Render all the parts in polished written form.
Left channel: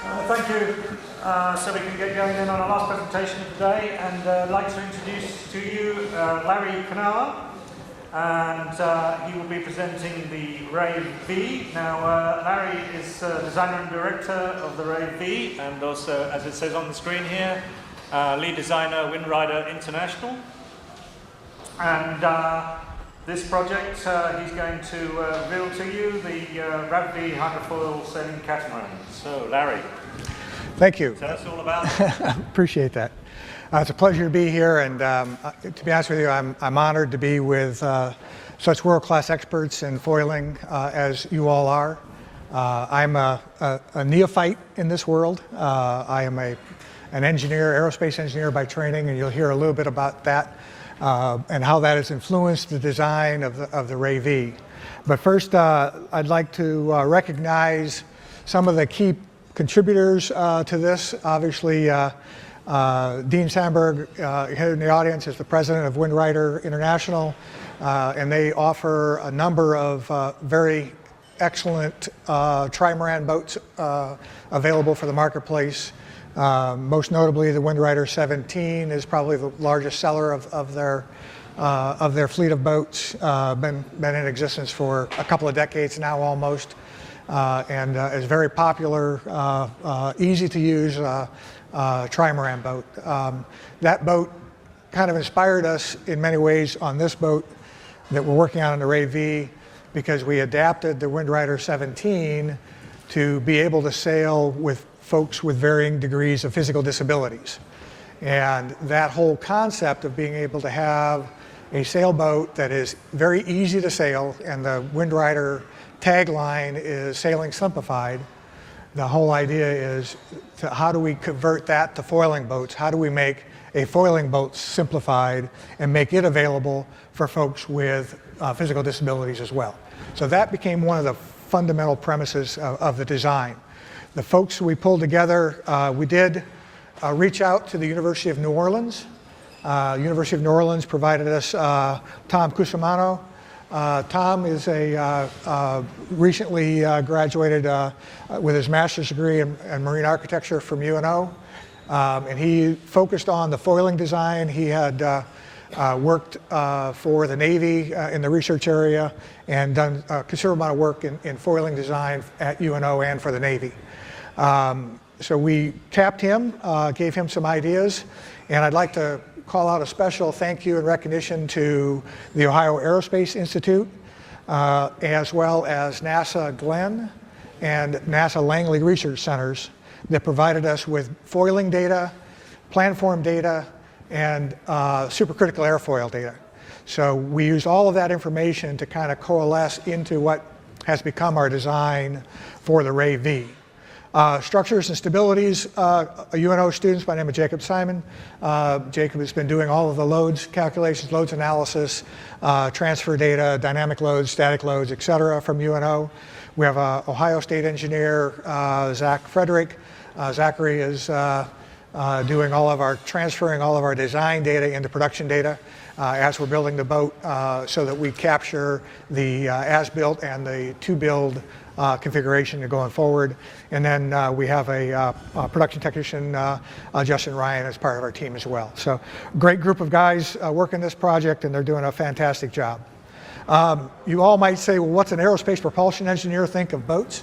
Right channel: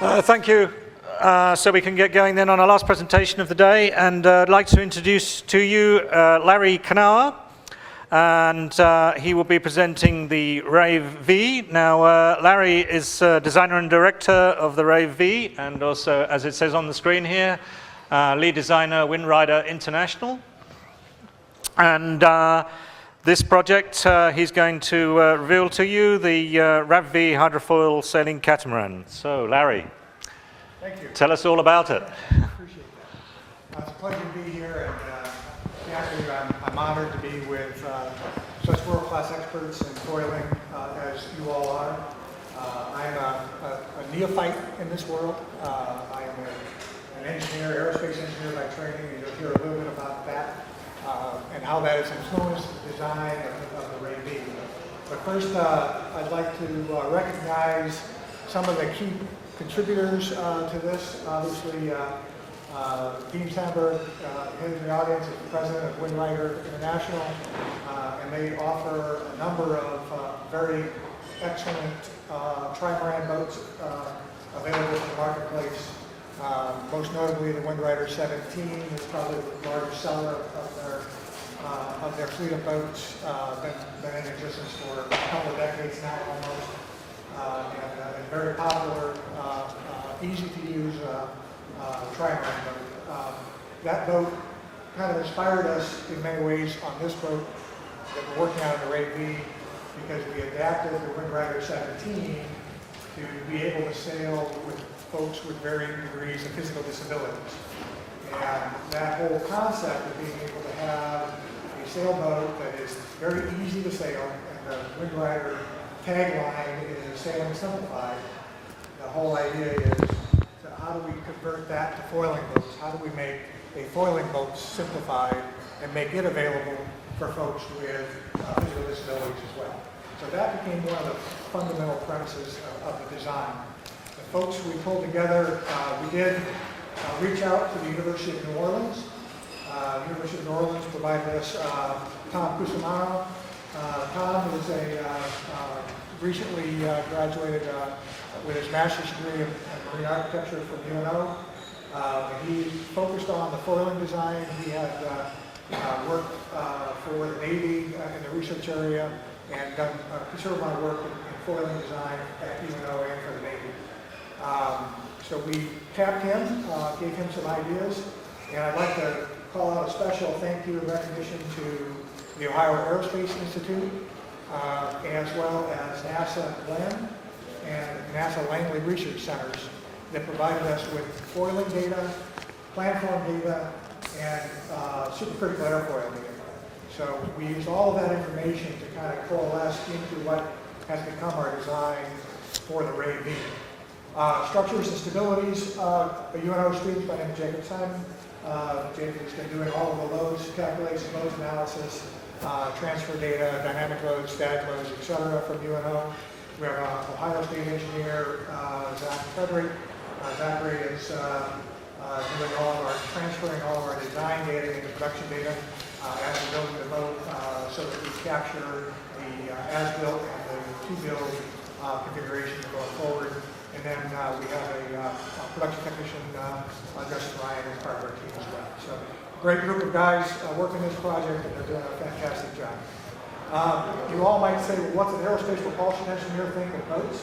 Thank you. So we can get going then on our last presentation of the day, and I'd like to introduce to you Larry Knauer, and he will be presenting the Rave V. Now, Larry is designer and director of the Rave V, and also, as it says on the screen here, lead designer Windrider International. And this project, he's going to reveal to you the Rave V hydrofoil sailing catamaran. So, Larry. Thank you. Tell us all about it. Appreciate that. It's a pleasure to be here, and to be honest with you, I'm honored to be with such world-class experts in foiling as you all are. I'm a neophyte in this world. I am an engineer, aerospace engineer by training, and you'll hear a little bit about that and how that has influenced the design of the Rave V. But first, I'd like to recognize some of the key contributors to this. Obviously, Dean Sandberg, here in the audience, is the president of Windrider International, and they offer a number of very excellent trimaran boats available for the marketplace. Most notably, the Windrider 17 is probably the largest seller of their fleet of boats. Been in existence for a couple of decades now, almost. And is very popular, easy to use trimaran boat. That boat kind of inspired us in many ways on this boat that we're working on in the Rave V, because we adapted the Windrider 17 to be able to sail with folks with varying degrees of physical disabilities. And that whole concept of being able to have a sailboat that is very easy to sail, and the Windrider tagline is Sailing Simplified. The whole idea is how do we convert that to foiling boats? How do we make a foiling boat simplified and make it available for folks with physical disabilities as well? So that became one of the fundamental premises of the design. The folks who we pulled together, we did reach out to the University of New Orleans. University of New Orleans provided us Tom Cusimano. Tom is recently graduated with his master's degree in marine architecture from UNO, and he focused on the foiling design. He had worked for the Navy in the research area and done a considerable amount of work in foiling design at UNO and for the Navy. So we tapped him, gave him some ideas, and I'd like to call out a special thank you and recognition to the Ohio Aerospace Institute, as well as NASA Glenn and NASA Langley Research Centers that provided us with foiling data, planform data, and supercritical airfoil data. So we used all of that information to kind of coalesce into what has become our design for the Rave V. Structures and stabilities, UNO students by the name of Jacob Simon. Jacob has been doing all of the loads calculations, loads analysis, transfer data, dynamic loads, static loads, et cetera, from UNO. We have an Ohio State engineer, Zach Frederick. Zachary is doing transferring all of our design data into production data as we're building the boat, so that we capture the as-built and the to-build configuration going forward. And then we have a production technician, Justin Ryan, as part of our team as well. So great group of guys working this project, and they're doing a fantastic job. You all might say, well, what's an aerospace propulsion engineer think of boats?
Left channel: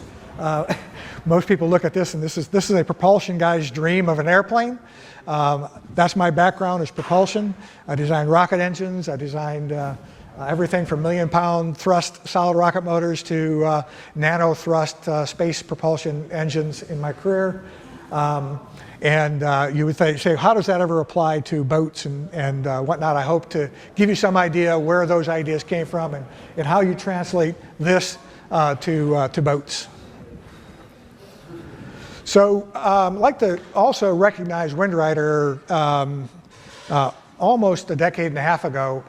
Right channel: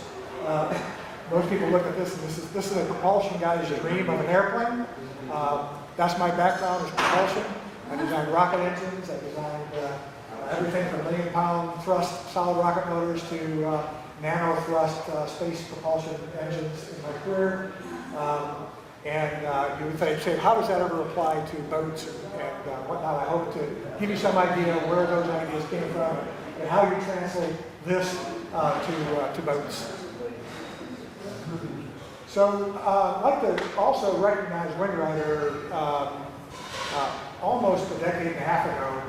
Most people look at this, and this is a propulsion guy's dream of an airplane. That's my background, is propulsion. I designed rocket engines. I designed everything from million-pound thrust solid rocket motors to nano thrust space propulsion engines in my career. You would say, how does that ever apply to boats and whatnot? I hope to give you some idea where those ideas came from and how you translate this to boats. So I'd like to also recognize Windrider. Almost a decade and a half ago,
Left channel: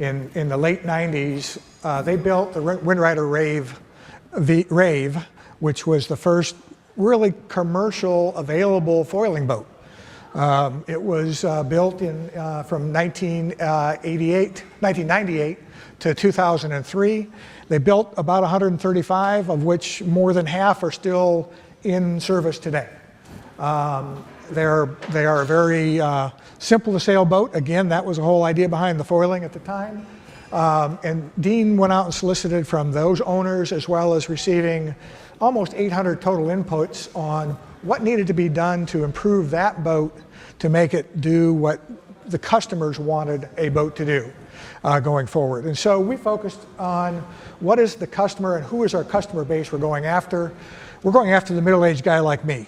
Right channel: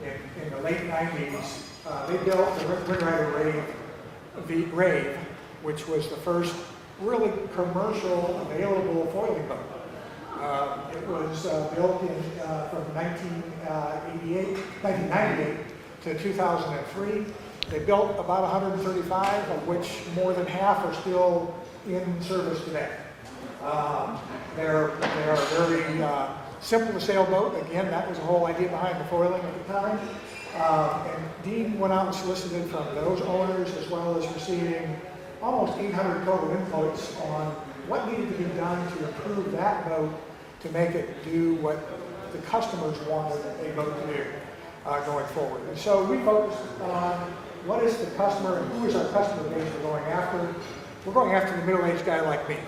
in the late 90s, they built the Windrider Rave, which was the first really commercial available foiling boat. It was built from 1998 to 2003. They built about 135, of which more than half are still in service today. They are a very simple to sail boat. Again, that was the whole idea behind the foiling at the time. And Dean went out and solicited from those owners, as well as receiving almost 800 total inputs on what needed to be done to improve that boat to make it do what the customers wanted a boat to do going forward. And so we focused on what is the customer and who is our customer base we're going after. We're going after the middle-aged guy like me.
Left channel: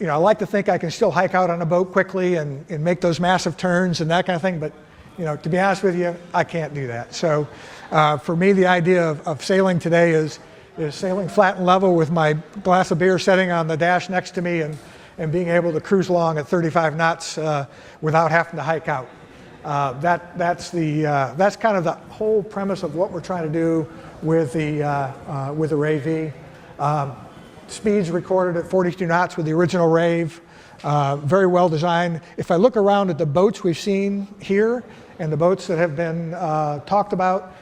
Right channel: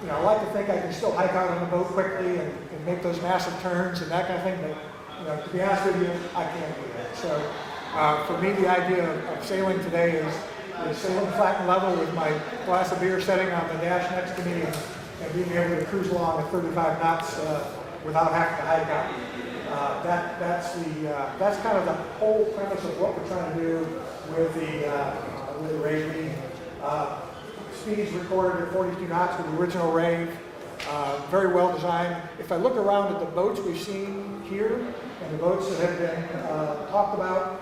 You know, I like to think I can still hike out on a boat quickly and make those massive turns and that kind of thing, but you know, to be honest with you, I can't do that. So for me, the idea of sailing today is sailing flat and level with my glass of beer sitting on the dash next to me and being able to cruise along at 35 knots without having to hike out. That's kind of the whole premise of what we're trying to do with the Rave V. Speeds recorded at 42 knots with the original Rave. Very well designed. If I look around at the boats we've seen here and the boats that have been talked about,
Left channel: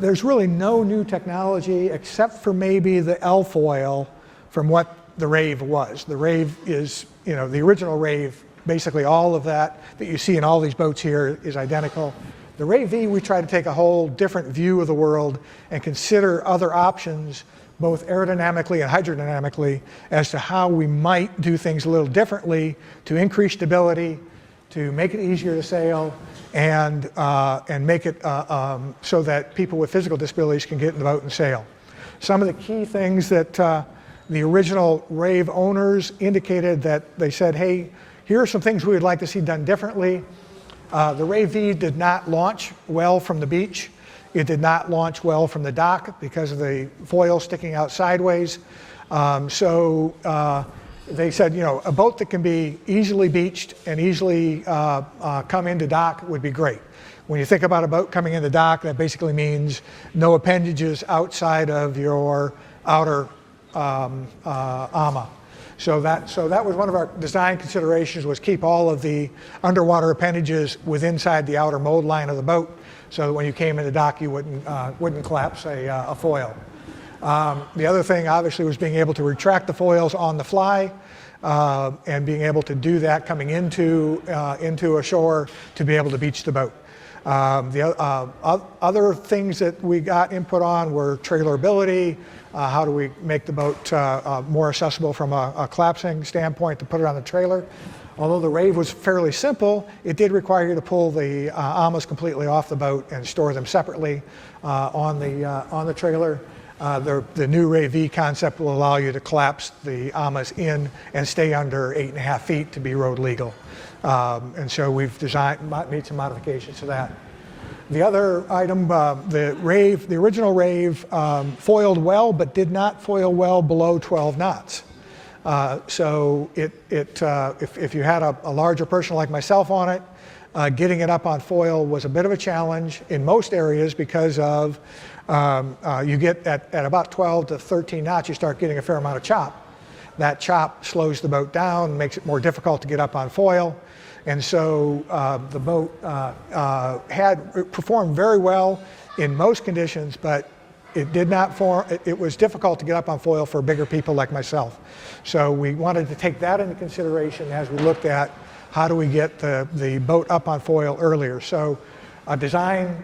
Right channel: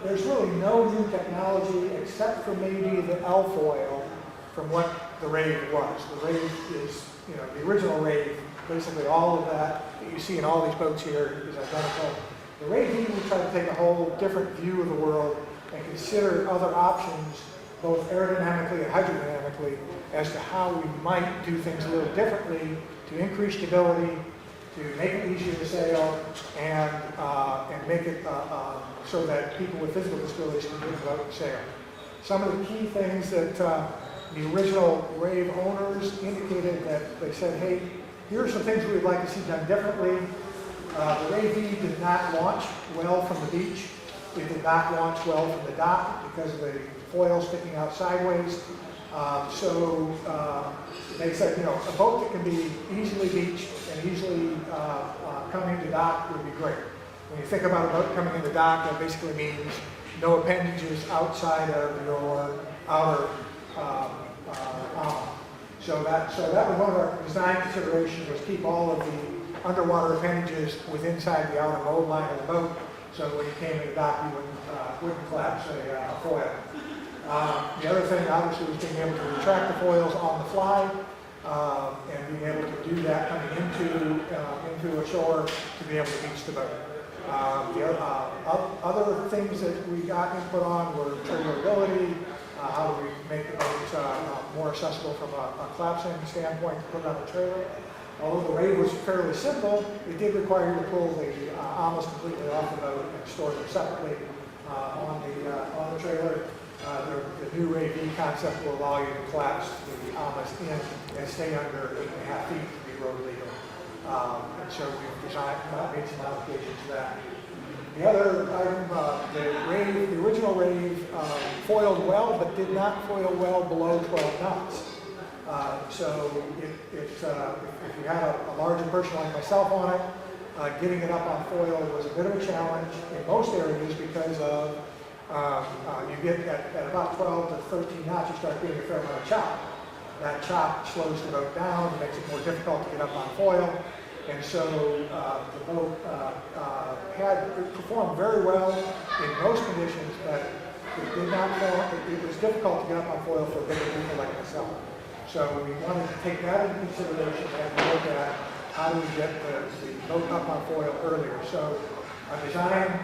there's really no new technology except for maybe the L-foil from what the Rave was. The Rave is, you know, the original Rave, basically all of that you see in all these boats here is identical. The Rave V, we try to take a whole different view of the world and consider other options, both aerodynamically and hydrodynamically, as to how we might do things a little differently to increase stability, to make it easier to sail, and make it so that people with physical disabilities can get in the boat and sail. Some of the key things that the original Rave owners indicated that they said, hey, here are some things we would like to see done differently. The Rave V did not launch well from the beach. It did not launch well from the dock because of the foil sticking out sideways. They said, you know, a boat that can be easily beached and easily come into dock would be great. When you think about a boat coming into dock, that basically means no appendages outside of your outer AMA. So that was one of our design considerations, was keep all of the underwater appendages inside the outer mold line of the boat, so that when you came into dock, you wouldn't collapse a foil. The other thing, obviously, was being able to retract the foils on the fly and being able to do that coming into a shore to be able to beach the boat. Other things that we got input on were trailerability. How do we make the boat more accessible from a collapsing standpoint to put it on the trailer? Although the Rave was fairly simple, it did require you to pull the AMAs completely off the boat and store them separately on the trailer. The new Rave V concept will allow you to collapse the AMAs in and stay under 8.5 feet to be road legal. And so we've made some modifications to that. The other item, the original Rave foiled well, but did not foil well below 12 knots. So if you had a larger person like myself on it, getting it up on foil was a bit of a challenge in most areas because of you get at about 12 to 13 knots, you start getting a fair amount of chop. That chop slows the boat down and makes it more difficult to get up on foil. And so the boat performed very well in most conditions, but it was difficult to get up on foil for bigger people like myself. So we wanted to take that into consideration as we looked at how do we get the boat up on foil earlier. So a design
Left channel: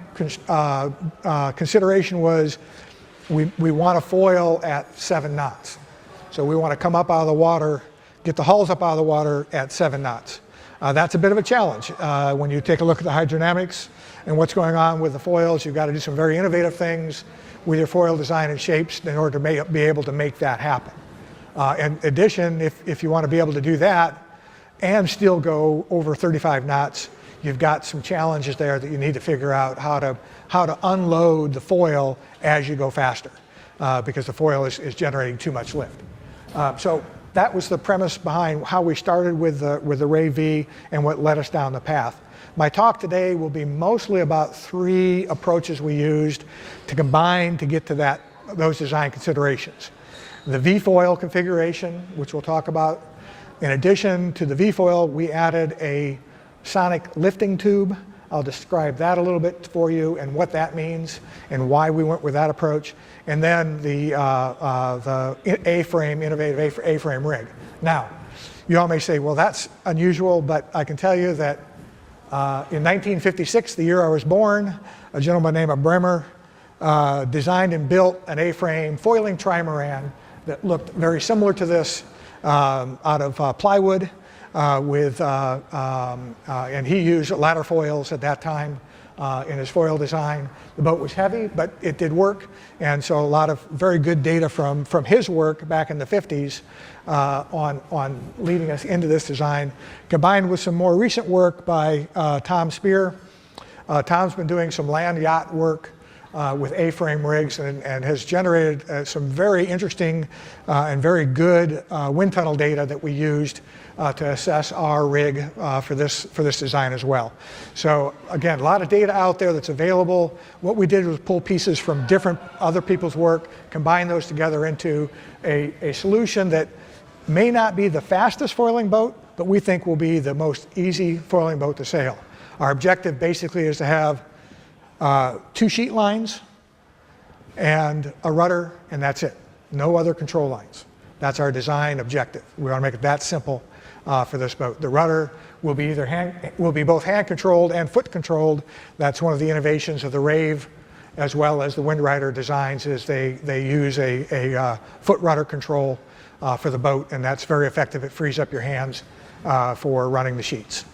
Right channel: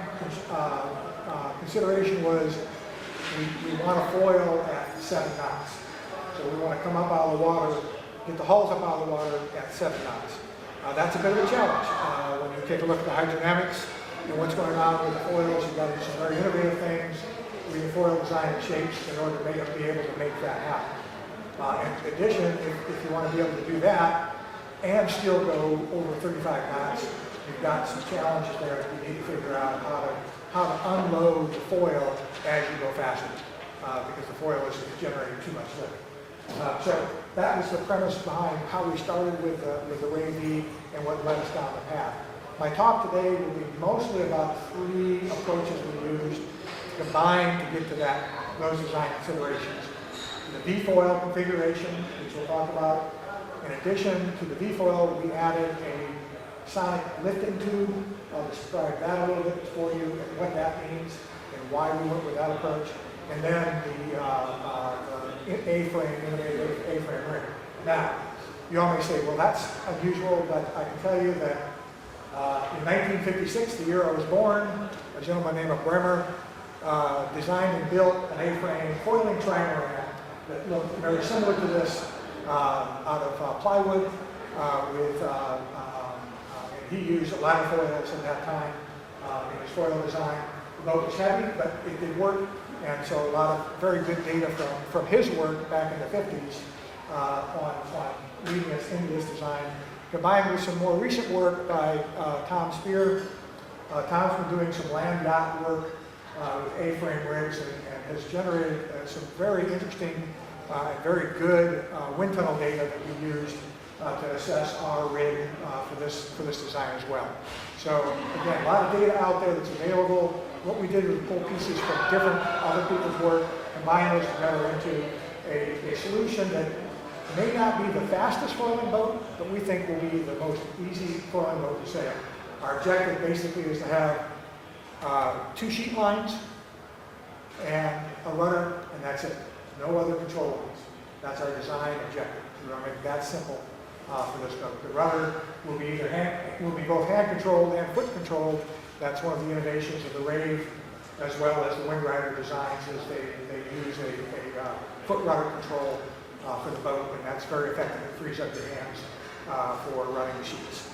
consideration was we want to foil at 7 knots. So we want to come up out of the water, get the hulls up out of the water at 7 knots. That's a bit of a challenge. When you take a look at the hydrodynamics and what's going on with the foils, you've got to do some very innovative things with your foil design and shapes in order to be able to make that happen. In addition, if you want to be able to do that and still go over 35 knots, you've got some challenges there that you need to figure out how to unload the foil as you go faster, because the foil is generating too much lift. So that was the premise behind how we started with the Rave V and what led us down the path. My talk today will be mostly about 3 approaches we used to combine to get to those design considerations. The V-foil configuration, which we'll talk about. In addition to the V-foil, we added a sonic lifting tube. I'll describe that a little bit for you and what that means and why we went with that approach. and then the A-frame, innovative A-frame rig. Now, you all may say, well, that's unusual, but I can tell you that in 1956, the year I was born, a gentleman named Bremer designed and built an A-frame foiling trimaran that looked very similar to this out of plywood and he used ladder foils at that time in his foil design. The boat was heavy, but it did work, and so a lot of very good data from his work back in the 50s on leading us into this design, combined with some more recent work by Tom Spear. Tom's been doing some land yacht work with A-frame rigs and has generated some very interesting and very good wind tunnel data that we used to assess our rig for this design as well. So again, a lot of data out there that's available. What we did was pull pieces from different other people's work, combine those together into a solution that may not be the fastest foiling boat, but we think will be the most easy foiling boat to sail. Our objective basically is to have 2 sheet lines and a rudder, and that's it. No other control lines. That's our design objective. We want to make it that simple for this boat. The rudder will be both hand controlled and foot controlled. That's one of the innovations of the Rave as well as the Windrider designs, is they use a foot rudder control for the boat, and that's very effective. It frees up your hands for running the sheets.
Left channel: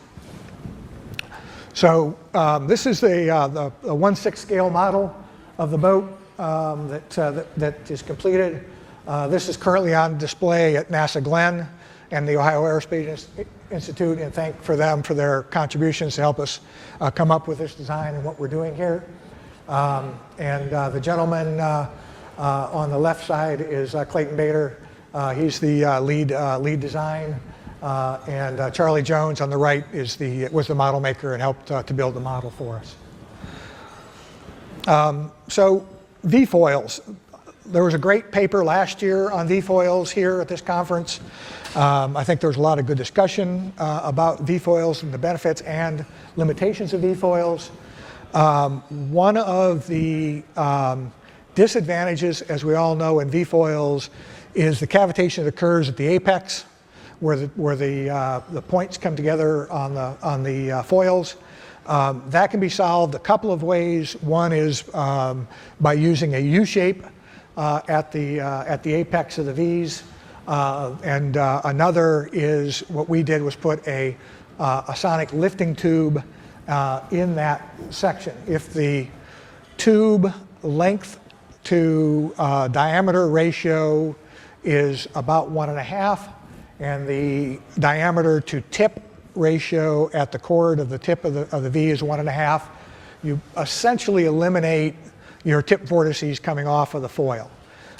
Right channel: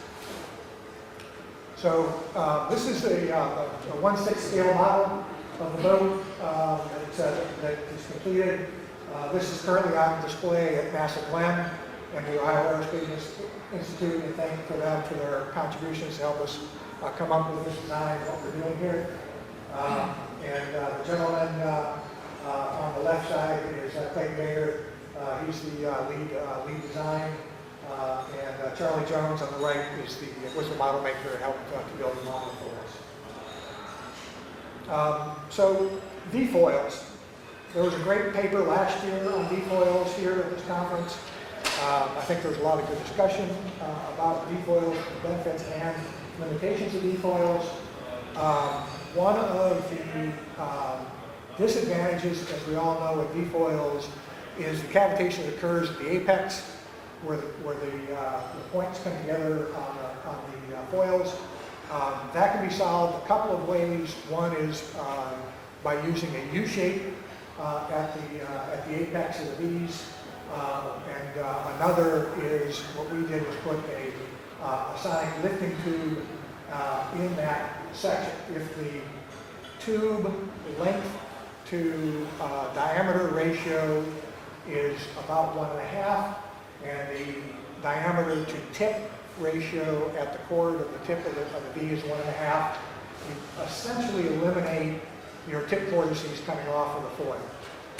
So this is a 1/6 scale model of the boat that is completed. This is currently on display at NASA Glenn and the Ohio Aerospace Institute, and thank them for their contributions to help us come up with this design and what we're doing here. The gentleman on the left side is Clayton Bader. He's the lead design. Charlie Jones on the right was the model maker and helped to build the model for us. So V-foils. There was a great paper last year on V-foils here at this conference. I think there was a lot of good discussion about V-foils and the benefits and limitations of V-foils. One of the disadvantages, as we all know, in V-foils is the cavitation that occurs at the apex, where the points come together on the foils. That can be solved a couple of ways. One is by using a U-shape at the apex of the V's, and another is what we did was put a sonic lifting tube in that section. If the tube length to diameter ratio is about 1.5, and the diameter to tip ratio at the chord of the tip of the V is 1.5, you essentially eliminate your tip vortices coming off of the foil.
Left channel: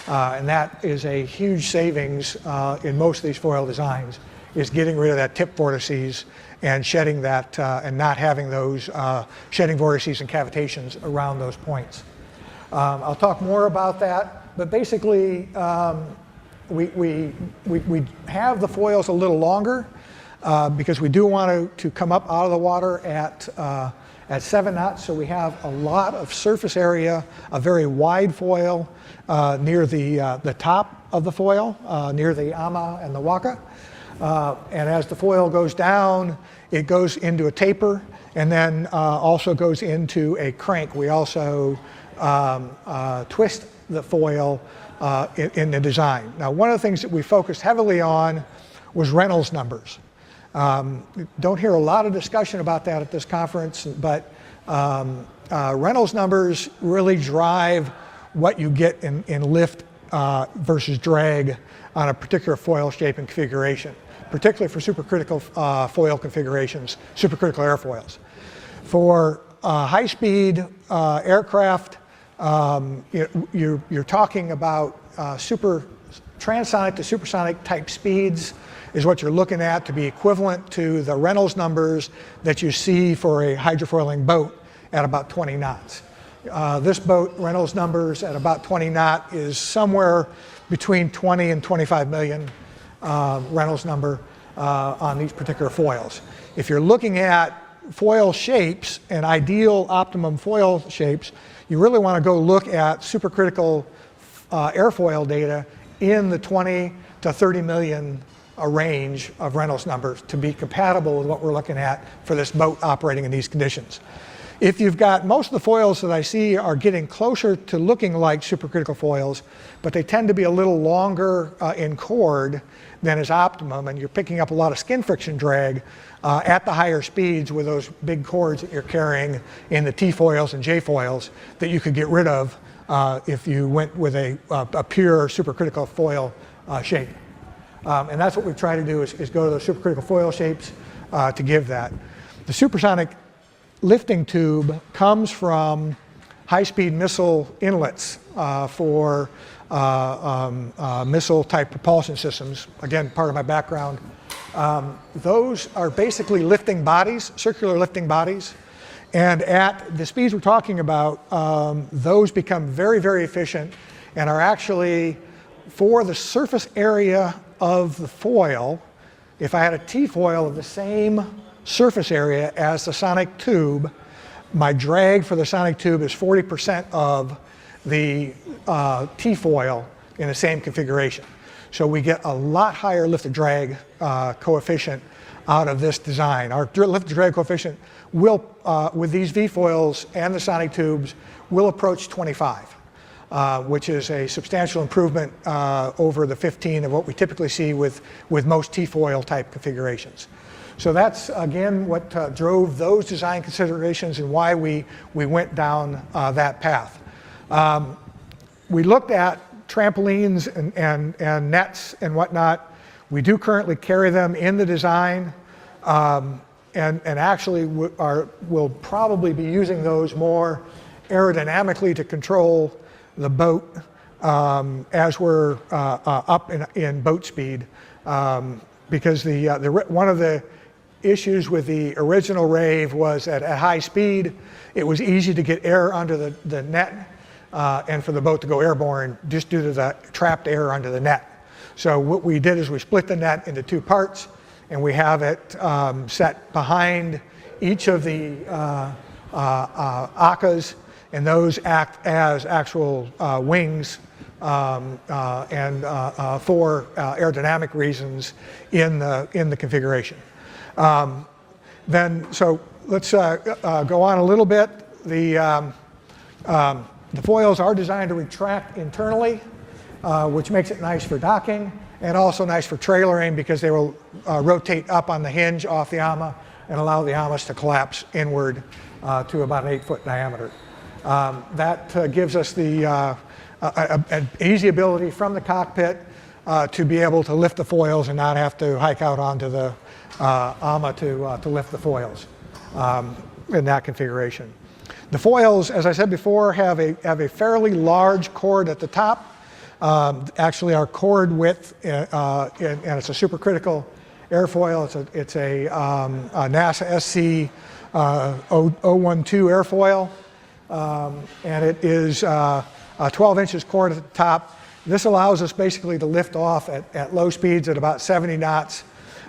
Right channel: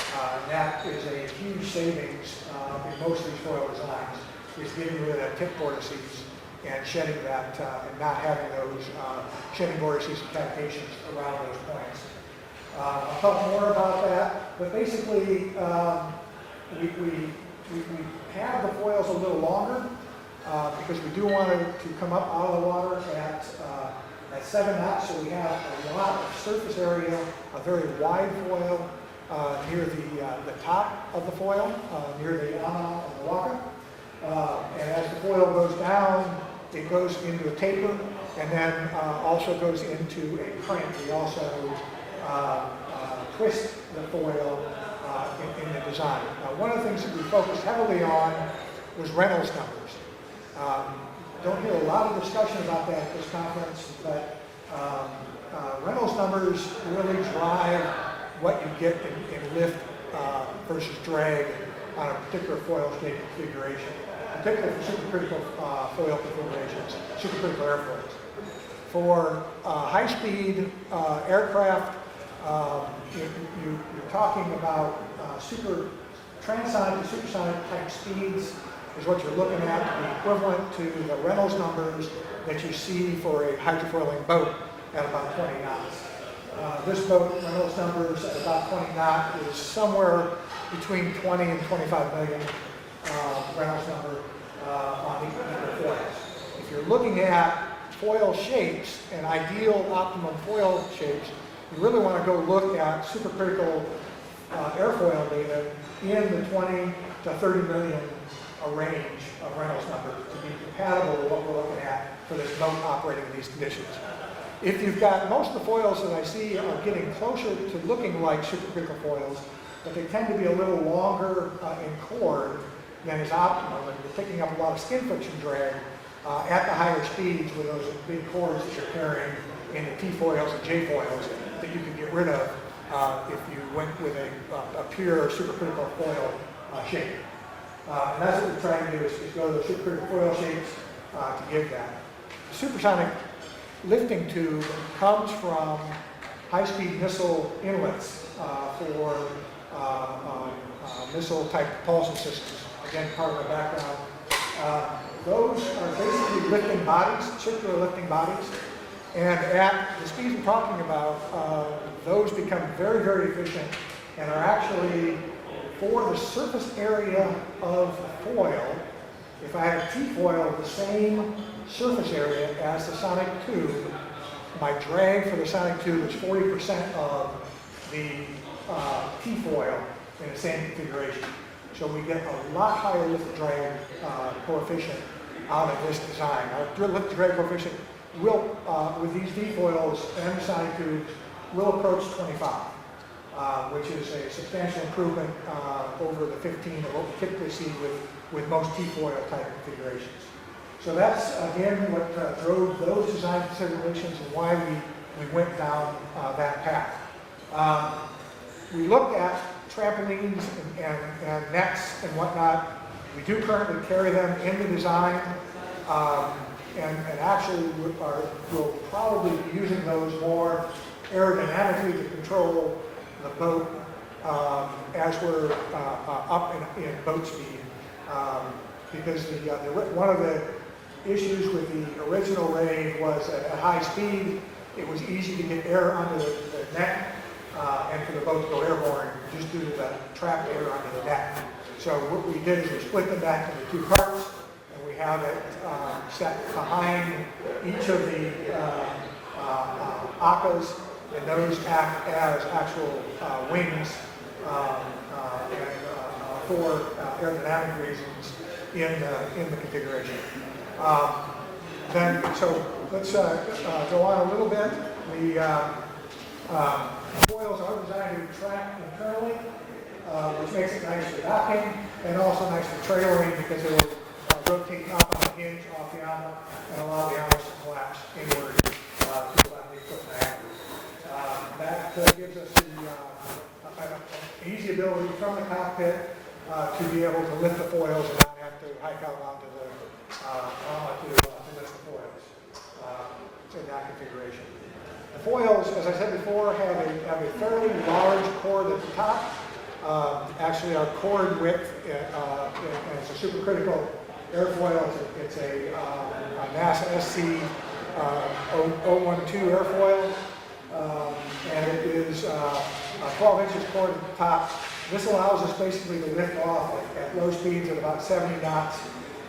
And that is a huge savings in most of these foil designs, is getting rid of that tip vortices and shedding that, and not having those shedding vortices and cavitations around those points. I'll talk more about that, but basically we have the foils a little longer because we do want to come up out of the water at 7 knots, so we have a lot of surface area, a very wide foil near the top of the foil, near the ama and the waka. And as the foil goes down, it goes into a taper, and then also goes into a crank. We also twist the foil in the design. Now, one of the things that we focused heavily on was Reynolds numbers. Don't hear a lot of discussion about that at this conference, but Reynolds numbers really drive what you get in lift versus drag on a particular foil shape and configuration, particularly for supercritical foil configurations, supercritical airfoils. For high-speed aircraft, you're talking about transonic to supersonic type speeds is what you're looking at to be equivalent to the Reynolds numbers that you see for a hydrofoiling boat at about 20 knots. This boat, Reynolds numbers at about 20 knot, is somewhere between 20 and 25 million Reynolds number on these particular foils. If you're looking at foil shapes and ideal optimum foil shapes, you really want to go look at supercritical airfoil data in the 20 to 30 million range of Reynolds numbers to be compatible with what we're looking at for this boat operating in these conditions. If you've got, most of the foils that I see are getting closer to looking like supercritical foils, but they tend to be a little longer in chord than is optimum, and you're picking up a lot of skin friction drag at the higher speeds with those big cords that you're carrying in the T foils and J foils that you could get rid of if you went with a pure supercritical foil shape. And that's what we try to do is go to the supercritical foil shapes to give that. The supersonic lifting tube comes from high-speed missile inlets for missile-type propulsion systems. Again, part of my background. Those are basically lifting bodies, circular lifting bodies. And at the speeds we're talking about, those become very, very efficient and are actually, for the surface area of the foil, if I had a T-foil of the same surface area as the sonic tube, my drag for the sonic tube is 40% of the T-foil in the same configuration. So we get a lot higher lift and drag coefficient out of this design. Our lift and drag coefficient will, with these V-foils and the sonic tubes, will approach 25. Which is a substantial improvement over the 15 of what we typically see with most T-foil type configurations. So that's, again, what drove those design considerations and why we went down that path. We looked at trampolines and nets and whatnot. We do currently carry them in the design, and actually we'll probably be using those more aerodynamically to control the boat as we're up in boat speed, because one of the issues with the original Rave was that at high speed it was easy to get air under the net and for the boat to go airborne just due to the trapped air under the net. So what we did is we split the net into two parts, and we have it set behind each of the ACAs, and those act as actual wings and for aerodynamic reasons in the configuration. So let's go on a little bit. The foils are designed to retract internally, which makes it nice for docking and also nice for trailering because they will rotate up on the hinge off the AMA and allow the AMAs to collapse inward to about an 8-foot diameter. That gives us the an easy ability from the cockpit to be able to lift the foils and not have to hike out onto the AMA to lift the foils in that configuration. The foils, as I said before, have a fairly large chord at the top. Actually, our chord width, and it's a supercritical airfoil. It's a NASA SC 012 airfoil. And it is 12 inches chord at the top. This allows us basically to lift off at low speeds at about 70 knots.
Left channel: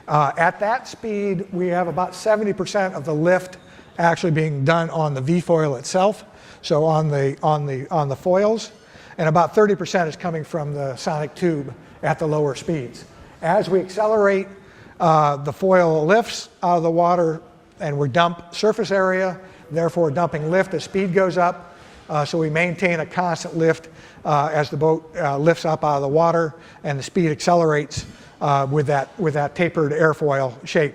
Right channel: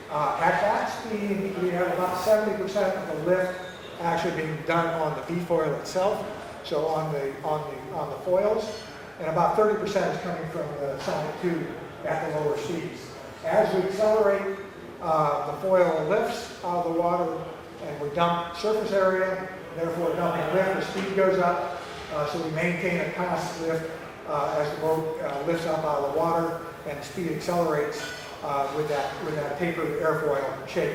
At that speed, we have about 70% of the lift actually being done on the V-foil itself, so on the foils, and about 30% is coming from the sonic tube at the lower speeds. As we accelerate, the foil lifts out of the water and we dump surface area, therefore dumping lift as speed goes up, so we maintain a constant lift as the boat lifts up out of the water and the speed accelerates with that tapered airfoil shape.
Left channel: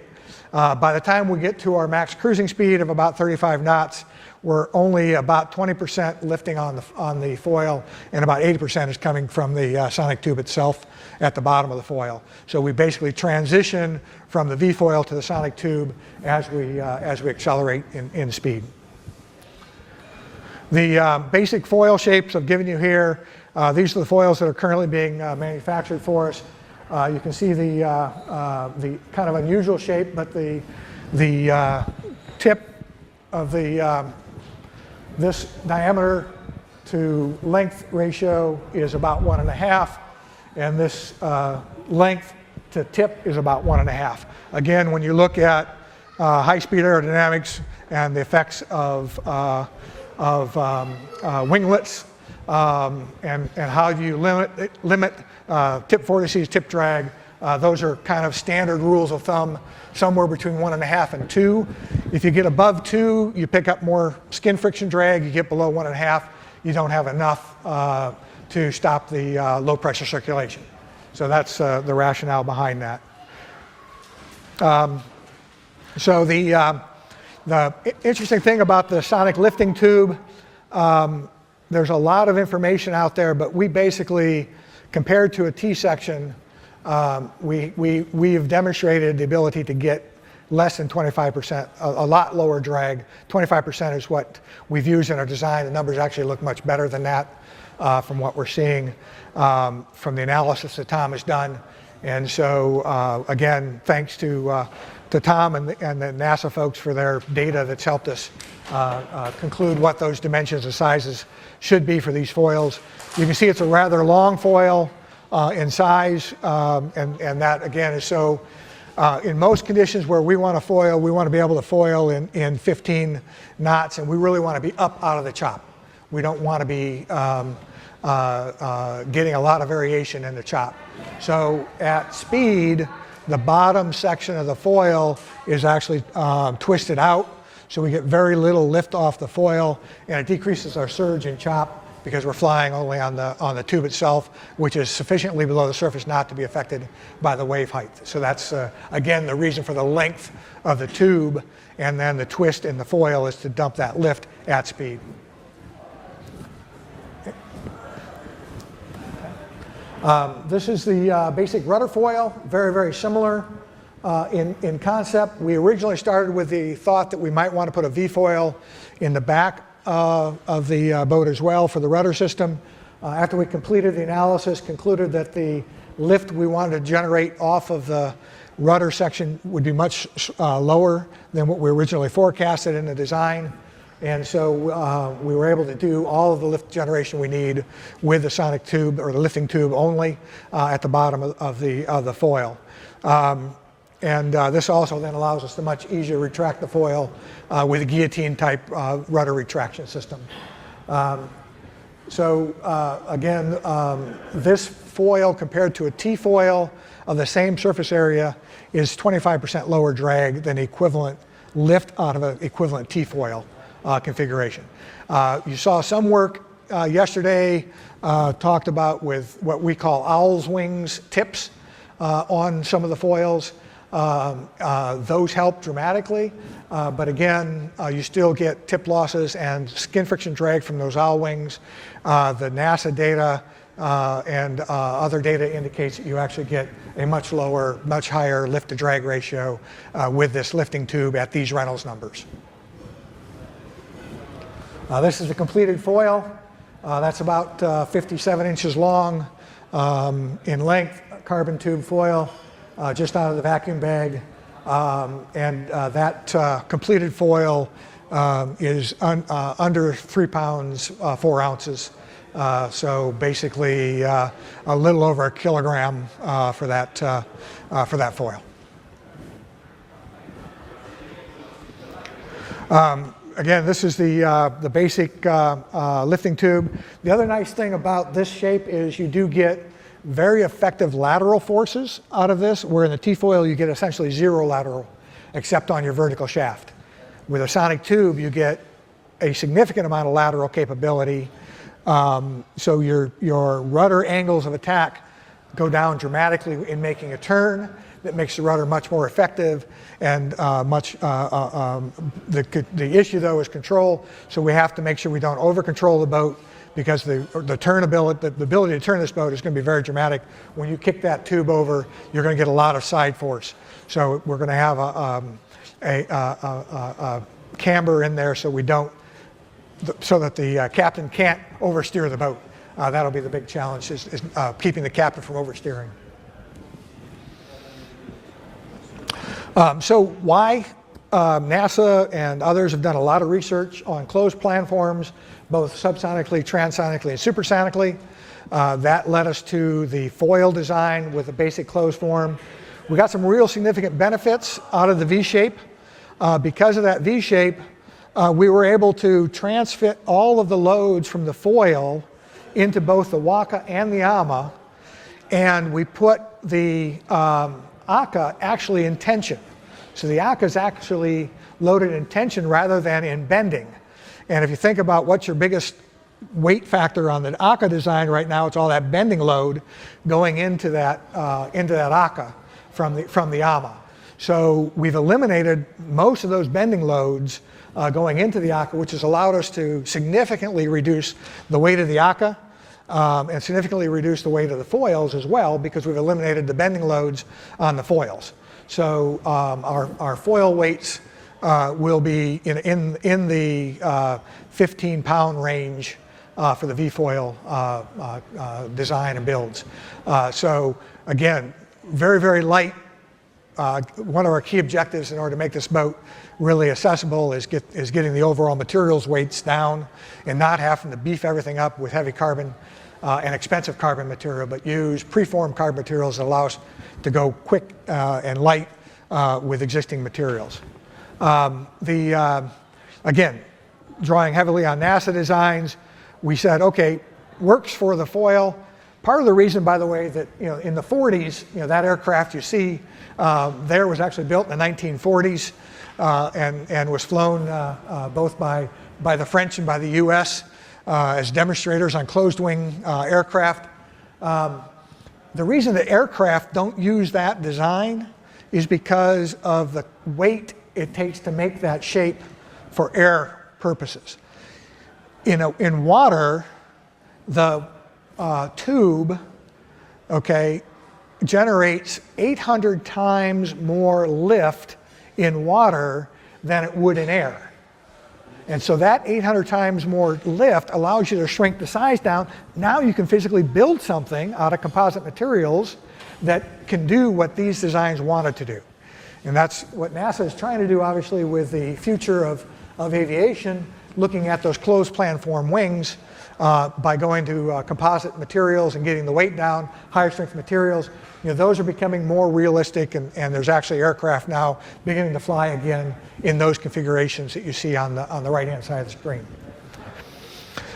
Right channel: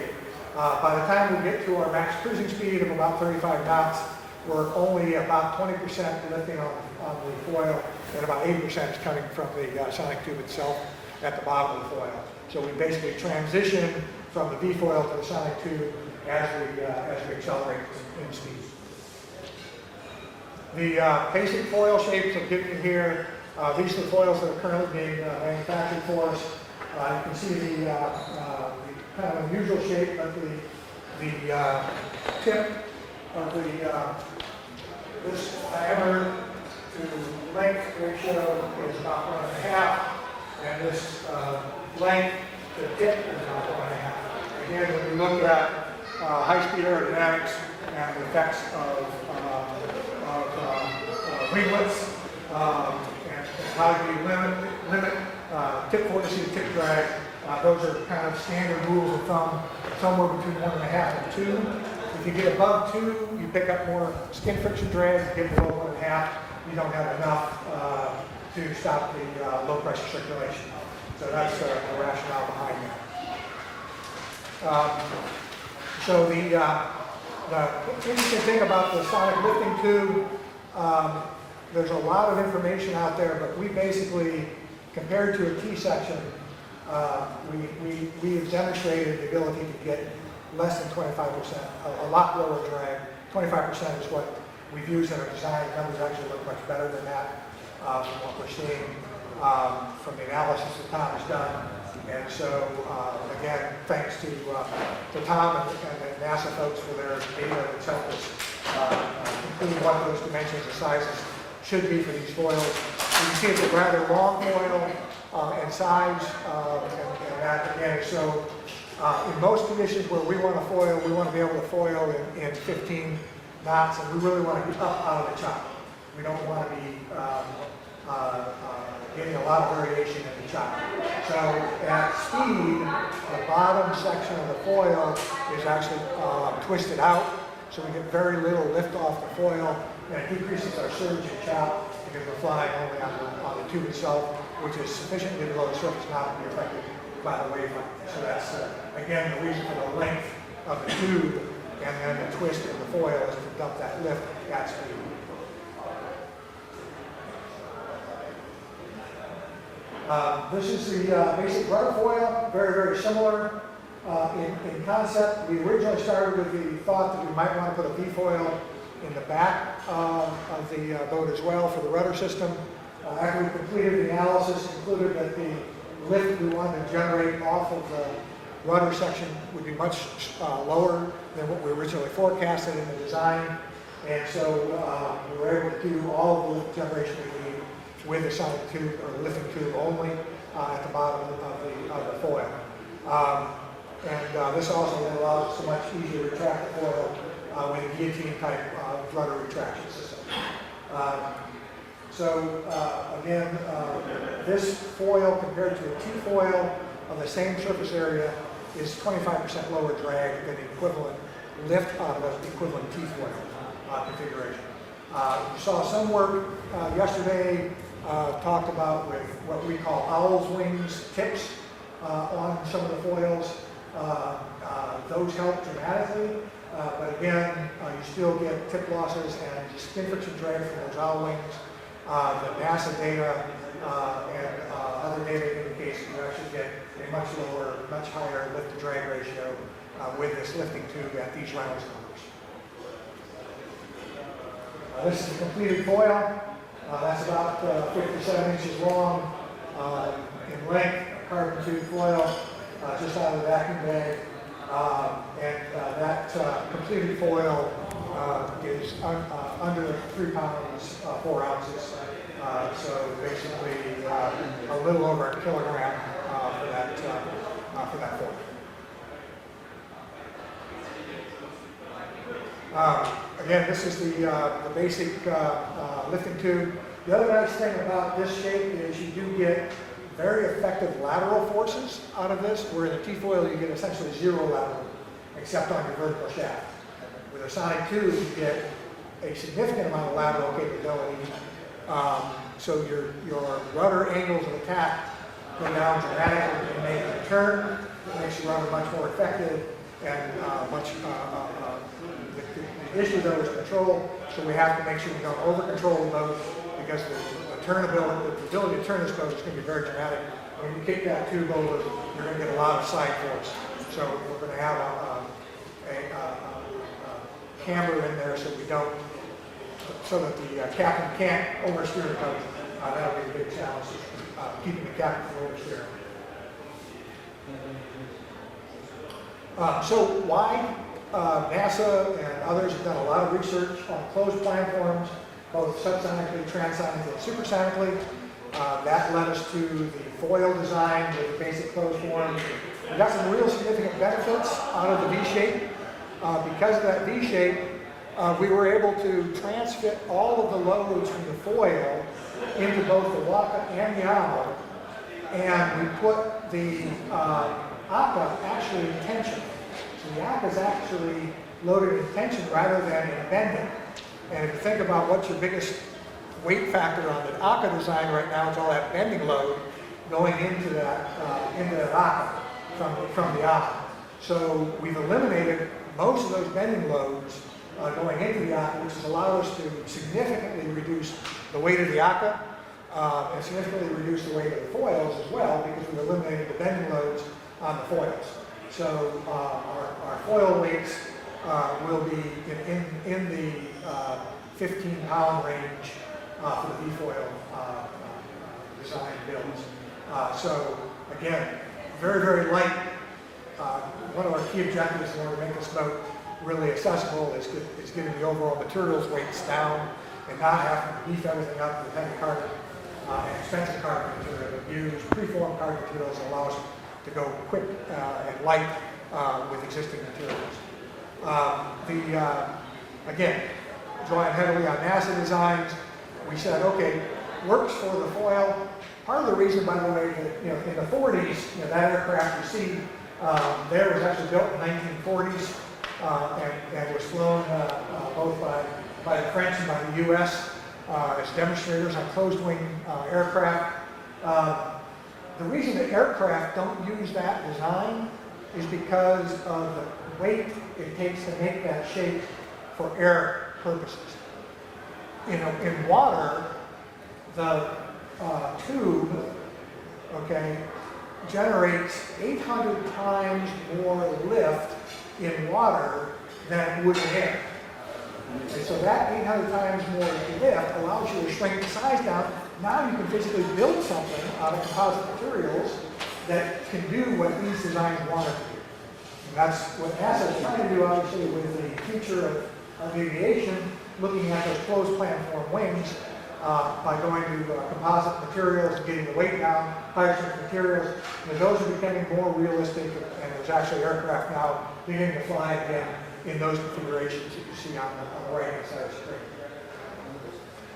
By the time we get to our max cruising speed of about 35 knots, we're only about 20% lifting on the foil, and about 80% is coming from the sonic tube itself at the bottom of the foil. So we basically transition from the V-foil to the sonic tube as we accelerate in speed. The basic foil shapes I've given you here, these are the foils that are currently being manufactured for us. You can see the kind of unusual shape, but the tip of this diameter to length ratio is about 1.5, and this length to tip is about 1.5. Again, when you look at high-speed aerodynamics and the effects of winglets, and how you limit tip vortices, tip drag. Those are kind of standard rules of thumb, somewhere between 1.5 and 2. If you get above 2, you pick up more skin friction drag. You get below 1.5, you don't have enough to stop the low pressure circulation. So that's the rationale behind that. So the interesting thing about the sonic lifting tube, there's a lot of information out there, but we basically, compared to a T-section, we've demonstrated the ability to get less than 25%, a lot lower drag. 25% is what we've used in our design. The numbers actually look much better than that from what we're seeing from the analysis that Tom has done. And so, again, thanks to Tom and the NASA folks for their data that's helped us conclude what those dimensions and sizes should be for these foils. You can see it's a rather long foil in size, and that, again, is so in most conditions where we want to foil, we want to be able to foil in 15 knots, and we really want to be up out of the chop. We don't want to be getting a lot of variation in the chop. So at speed, the bottom section of the foil is actually twisted out, so we get very little lift off the foil, and it decreases our surge in chop because we're flying only on the tube itself, which is sufficiently below the surface not to be affected by the wave height. So that's, again, the reason for the length of the tube, and then the twist in the foil is to dump that lift at speed. This is the basic rudder foil, very, very similar in concept. We originally started with the thought that we might want to put a V-foil in the back of the boat as well for the rudder system. After we completed the analysis, concluded that the lift we wanted to generate off of the rudder section would be much lower than what we originally forecasted in the design. And so we were able to do all of the lift generation we need with the sonic tube, or the lifting tube only, at the bottom of the foil. This also then allows us to much easier retract the foil with a guillotine type rudder retraction system. Again, this foil compared to a T-foil of the same surface area is 25% lower drag than the equivalent lift out of an equivalent T-foil configuration. You saw some work yesterday talked about with what we call owl's wings tips on some of the foils. Those help dramatically, but again, you still get tip losses and skin friction drag from those owl wings. The NASA data and other data indicates that you actually get a much lower, much higher lift to drag ratio with this lifting tube at these Reynolds numbers. This is the completed foil. That's about 57 inches long in length, carbon tube foil, just out of the vacuum bag. That completed foil is under 3 pounds, 4 ounces. So basically a little over a kilogram for that foil. Again, this is the basic lifting tube. The other nice thing about this shape is you do get very effective lateral forces out of this, where in the T-foil you get essentially zero lateral, except on your vertical shaft. With a sonic tube, you get a significant amount of lateral capability, so your rudder angles of attack go down dramatically in making a turn. That makes the rudder much more effective, and the issue though is control. So we have to make sure we don't over control the boat, because the ability to turn this boat is going to be very dramatic. When you kick that tube over, you're going to get a lot of side force. So we're going to have a camber in there so that the captain can't oversteer the boat. That'll be the big challenge, is keeping the captain from oversteering. So why? NASA and others have done a lot of research on closed planforms, both subsonically, transonically, and supersonically. That led us to the foil design with the basic closed form. We got some real significant benefits out of the V-shape. Because of that V-shape, we were able to transfit all of the loads from the foil into both the waka and the ama, and we put the aka actually in tension. So the aka is actually loaded in tension rather than in bending. And if you think about what's your biggest weight factor on the aka design right now, it's all that bending load going into that aka from the ama. So we've eliminated most of those bending loads going into the aka, which has allowed us to significantly reduce the weight of the aka and significantly reduce the weight of the foils as well, because we've eliminated the bending loads on the foils. So our foil weights will be in the 15-pound range for the V-foil design and builds. So again, very, very light. One of our key objectives in order to make this boat really accessible is getting the overall materials weights down and not having to beef everything up with heavy carbon and expensive carbon material, but use preformed carbon materials that allow us to go quick and light with existing materials. Again, drawing heavily on NASA designs, we said, okay, works for the foil. Part of the reason, by the way, that in the 40s, that aircraft you see there was actually built in the 1940s and was flown both by the French and by the US as demonstrators on closed wing aircraft. The reason the aircraft don't use that design is because of the weight it takes to make that shape for air purposes. In water, the tube, okay, generates 800 times more lift in water than it would in air. And so that 800 times more lift allows you to shrink the size down. Now you can physically build something out of composite materials that can do what these designs wanted to do. And that's what NASA is trying to do, obviously, with the future of aviation, looking at those closed planform wings by going to composite materials and getting the weight down, higher strength materials. Those are becoming more realistic, and there's actually aircraft now beginning to fly again in those configurations that you see on the right-hand side of the screen.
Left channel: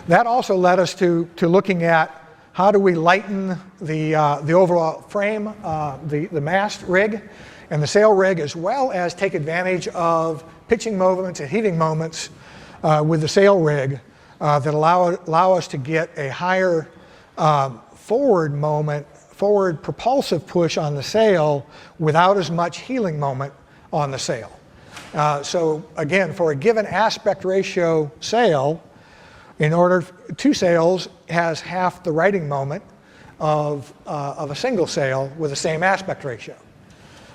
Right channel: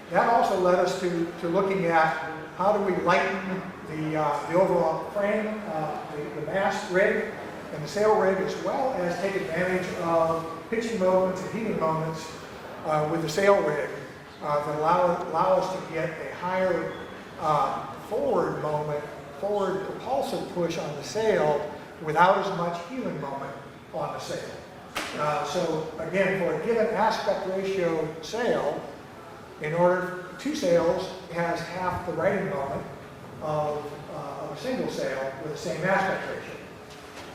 That also led us to looking at how do we lighten the overall frame, the mast rig and the sail rig, as well as take advantage of pitching moments and heaving moments with the sail rig that allow us to get a higher forward moment, forward propulsive push on the sail without as much heeling moment on the sail. So again, for a given aspect ratio sail, two sails has half the righting moment of a single sail with the same aspect ratio.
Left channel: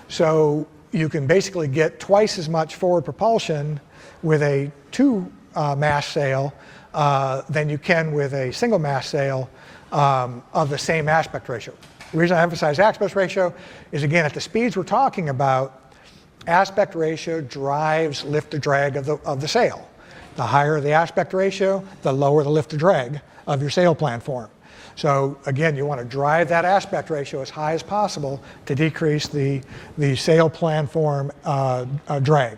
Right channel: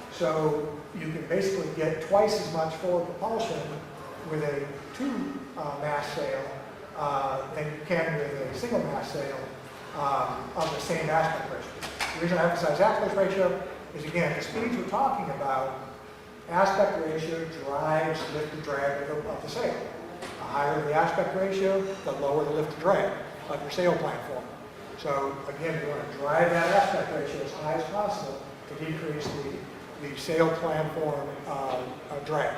So you can basically get twice as much forward propulsion with a two-mast sail than you can with a single mast sail of the same aspect ratio. The reason I emphasize aspect ratio is, again, at the speeds we're talking about, aspect ratio drives lift to drag of the sail. The higher the aspect ratio, the lower the lift to drag of your sail platform. So again, you want to drive that aspect ratio as high as possible to decrease the sail platform drag.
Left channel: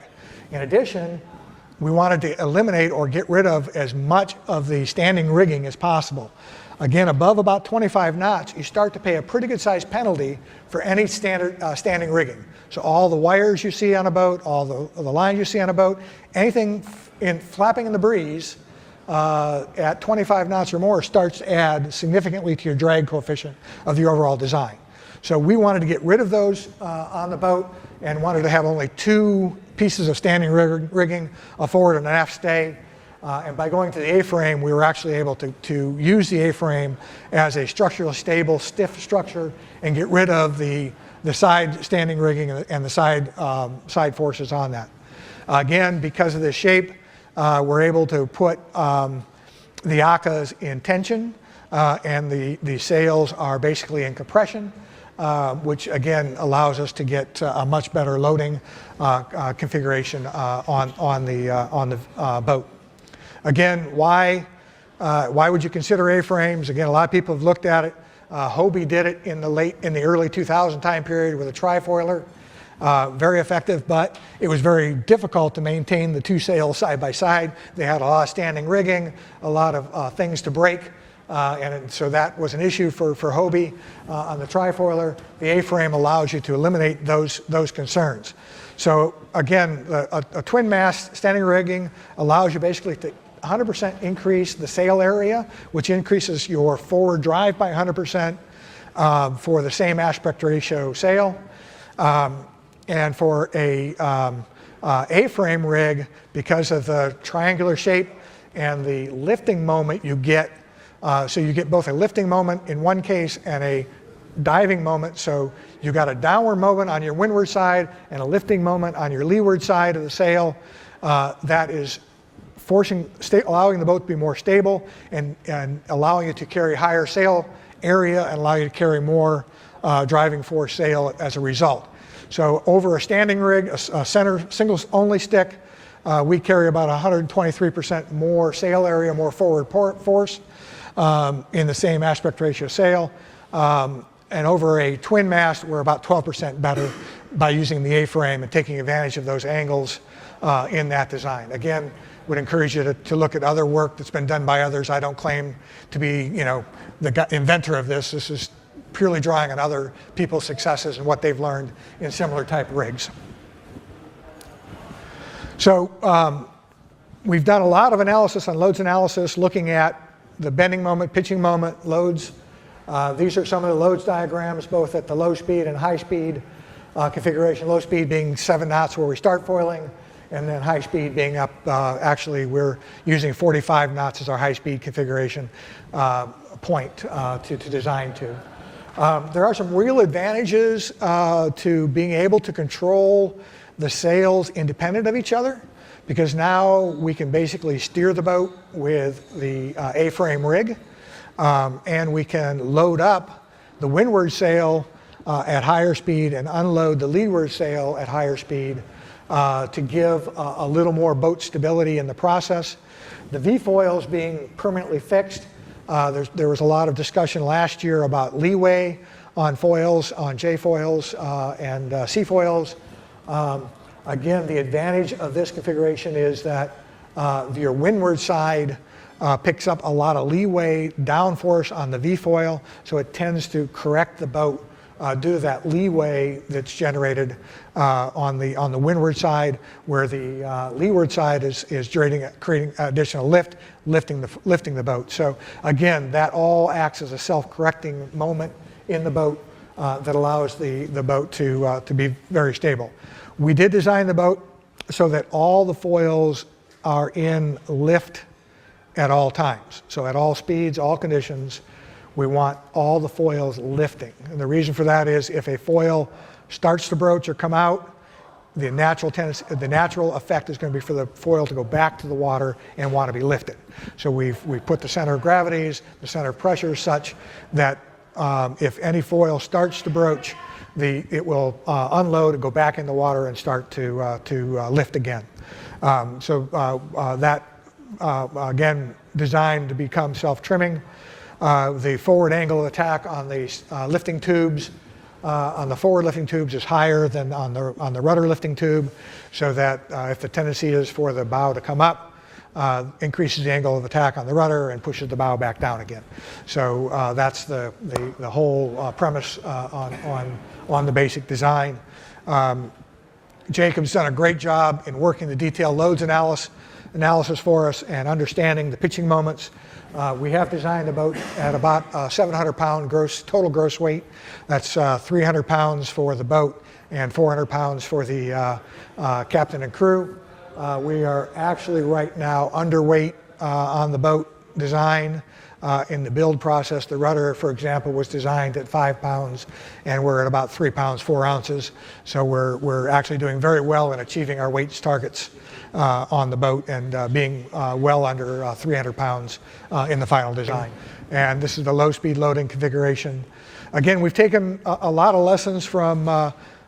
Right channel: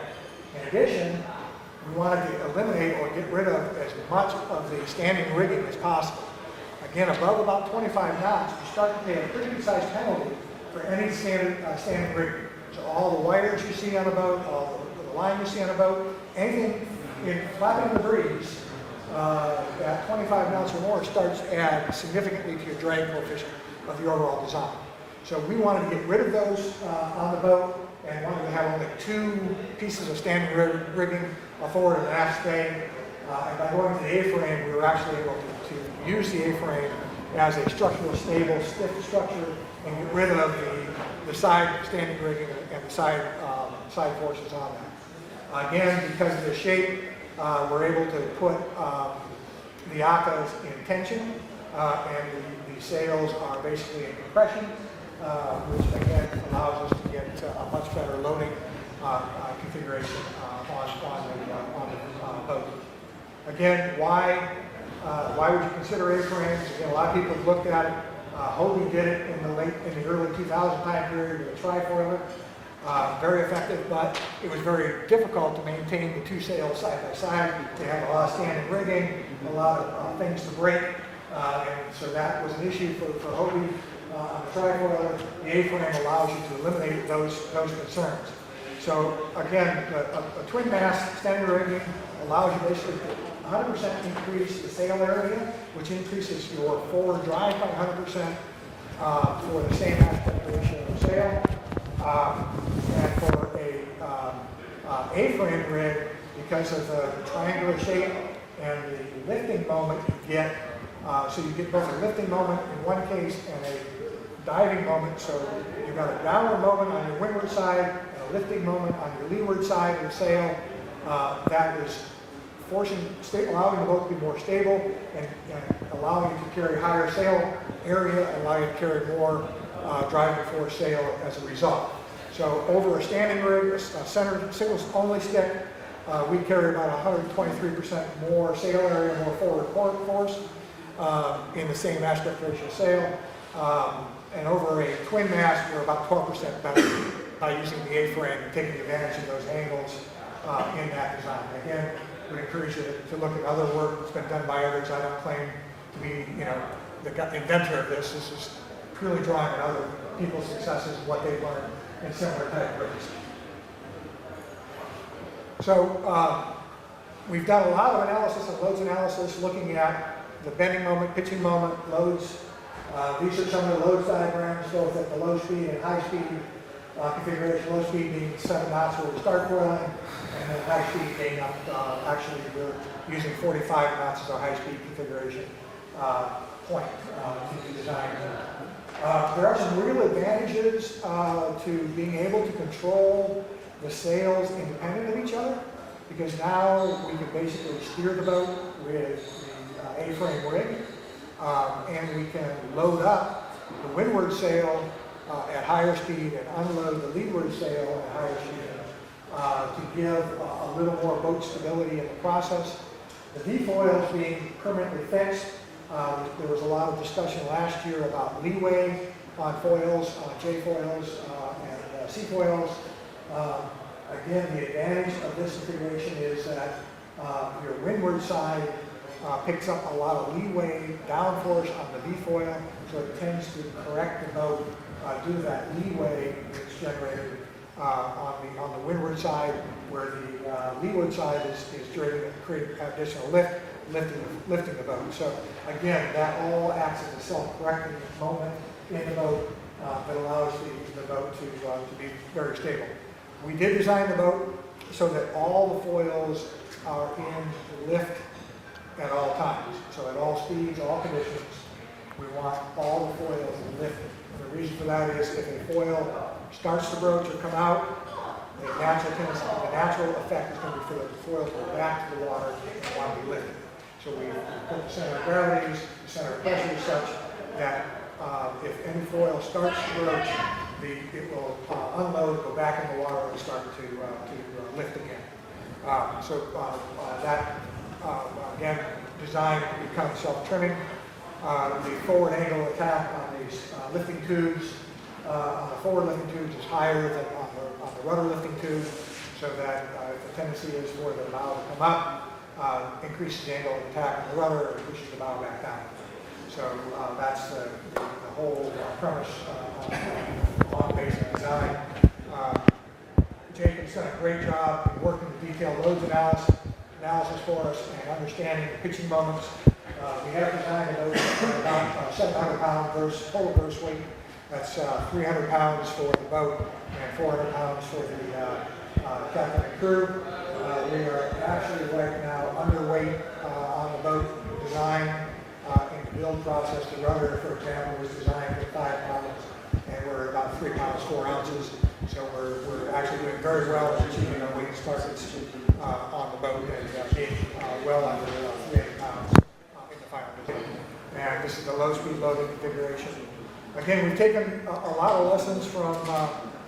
In addition, we wanted to eliminate or get rid of as much of the standing rigging as possible. Again, above about 25 knots, you start to pay a pretty good sized penalty for any standard standing rigging. So all the wires you see on a boat, all the line you see on a boat, anything flapping in the breeze at 25 knots or more starts to add significantly to your drag coefficient of the overall design. So we wanted to get rid of those on the boat and wanted to have only two pieces of standing rigging, a forward and an aft stay. And by going to the A-frame, we were actually able to use the A-frame as a structurally stable, stiff structure and get rid of the side standing rigging and the side forces on that. Again, because of the shape, we're able to put the ACAs in tension and the sails are basically in compression, which again allows us to get a much better loading configuration on the boat. Again, why would you consider A-frames? Again, a lot of people have looked at it. Hobie did it in the early 2000 time period with a trifoiler. Very effective, but it was very difficult to maintain the two sails side by side. They had a lot of standing rigging, a lot of things to break, And so that was an issue for Hobie on the trifoiler. The A-frame allows you to eliminate those concerns. So again, a twin mast standing rigging allows you basically to 100% increase the sail area, which increases your forward drive by 100% for the same aspect ratio sail. And for a A-frame rig, because of the triangular shape and the lifting moment you get, so you get both a lifting moment in one case and a diving moment. So you got a downward moment on your windward side and a lifting moment on your leeward side of the sail. That is allowing the boat to be more stable and allowing it to carry higher sail area and allow you to carry more driving force sail as a result. So over a standing rig, a center singles only stick, we carry about 123% more sail area, more forward force in the same aspect ratio sail. And over a twin mast, we're about 12% better by using the A-frame and taking advantage of those angles in that design. Again, would encourage you to look at other work that's been done by others. I don't claim to be, the inventor of this. This is purely drawing on other people's successes and what they've learned in similar type rigs. So we've done a lot of analysis on loads analysis, looking at the bending moment, pitching moment, loads. These are some of the loads diagrams, both at the low speed and high speed configuration. Low speed being 7 knots where we start foiling, and then high speed being up, actually we're using 45 knots as our high speed configuration point to design to. There are some real advantages to being able to control the sails independent of each other, because now we can basically steer the boat with the A-frame rig, and we can load up the windward sail at higher speed and unload the leeward sail at higher speed to give a little more boat stability in the process. The V-foils being permanently fixed, there was a lot of discussion last year about leeway on foils, on J-foils and C-foils. Again, the advantage of this configuration is that your windward side picks up a lot of leeway downforce on the V-foil, so it tends to correct the boat due to that leeway that's generated on the windward side, where the leeward side is creating additional lift, lifting the boat. So again, that all acts as a self-correcting moment in the boat that allows the boat to be very stable. We did design the boat so that all the foils are in lift at all times. So at all speeds, all conditions, we want all the foils lifting. And the reason for that is if a foil starts to broach or come out, the natural effect is going to be for the foil to go back to the water and want to be lifted. So we've put the center of gravities, the center of pressure such that if any foil starts to broach, it will unload and go back in the water and start to lift again. Again, designed to become self-trimming. The forward angle of attack on these lifting tubes, on the forward lifting tubes, is higher than on the rudder lifting tube, so that if the tendency is for the bow to come up, increases the angle of attack on the rudder and pushes the bow back down again. So that's the whole premise on the basic design. Jacob's done a great job in working the detailed loads analysis for us and understanding the pitching moments. We have designed the boat at about 700-pound total gross weight. That's 300 pounds for the boat and 400 pounds for the captain and crew. We are actually right now underweight on the boat design in the build process. The rudder, for example, was designed at 5 pounds, and we're at about 3 pounds 4 ounces. So we're actually doing very well in achieving our weights targets on the boat and being well under 300 pounds in the final design. And this is the low-speed loading configuration. Again, we've taken a lot of lessons from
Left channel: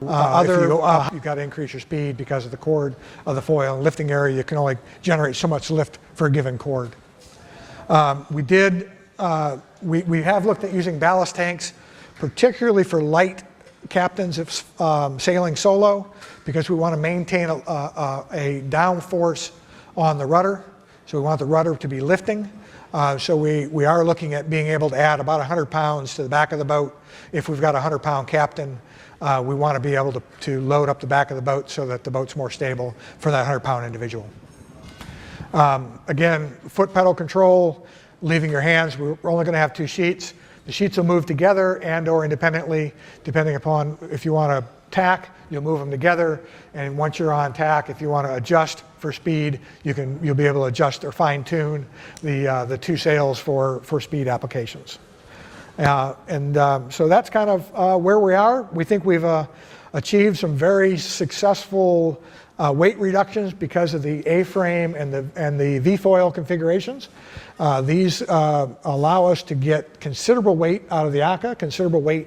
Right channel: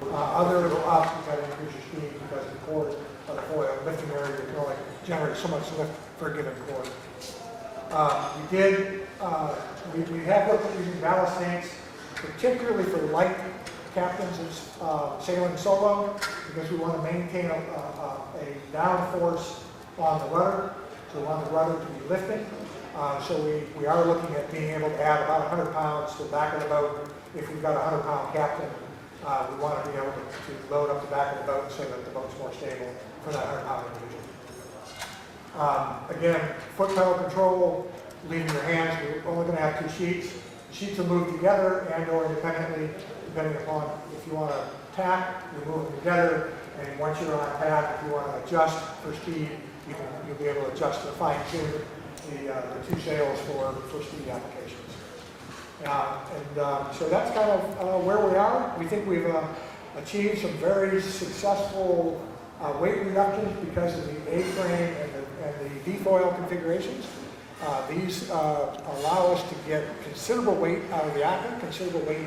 other. You've got to increase your speed because of the chord of the foil and lifting area. You can only generate so much lift for a given chord. We have looked at using ballast tanks, particularly for light captains sailing solo, because we want to maintain a down force on the rudder. So we want the rudder to be lifting. So we are looking at being able to add about 100 pounds to the back of the boat. If we've got a 100-pound captain, we want to be able to load up the back of the boat so that the boat's more stable for that 100-pound individual. Again, foot pedal control, leaving your hands. We're only going to have 2 sheets. The sheets will move together and or independently, depending upon if you want to tack, you'll move them together. And once you're on tack, if you want to adjust for speed, you'll be able to adjust or fine-tune the 2 sails for speed applications. So that's kind of where we are. We think we've achieved some very successful weight reductions because of the A-frame and the V-foil configurations. These allow us to get considerable weight out of the ACA, considerable weight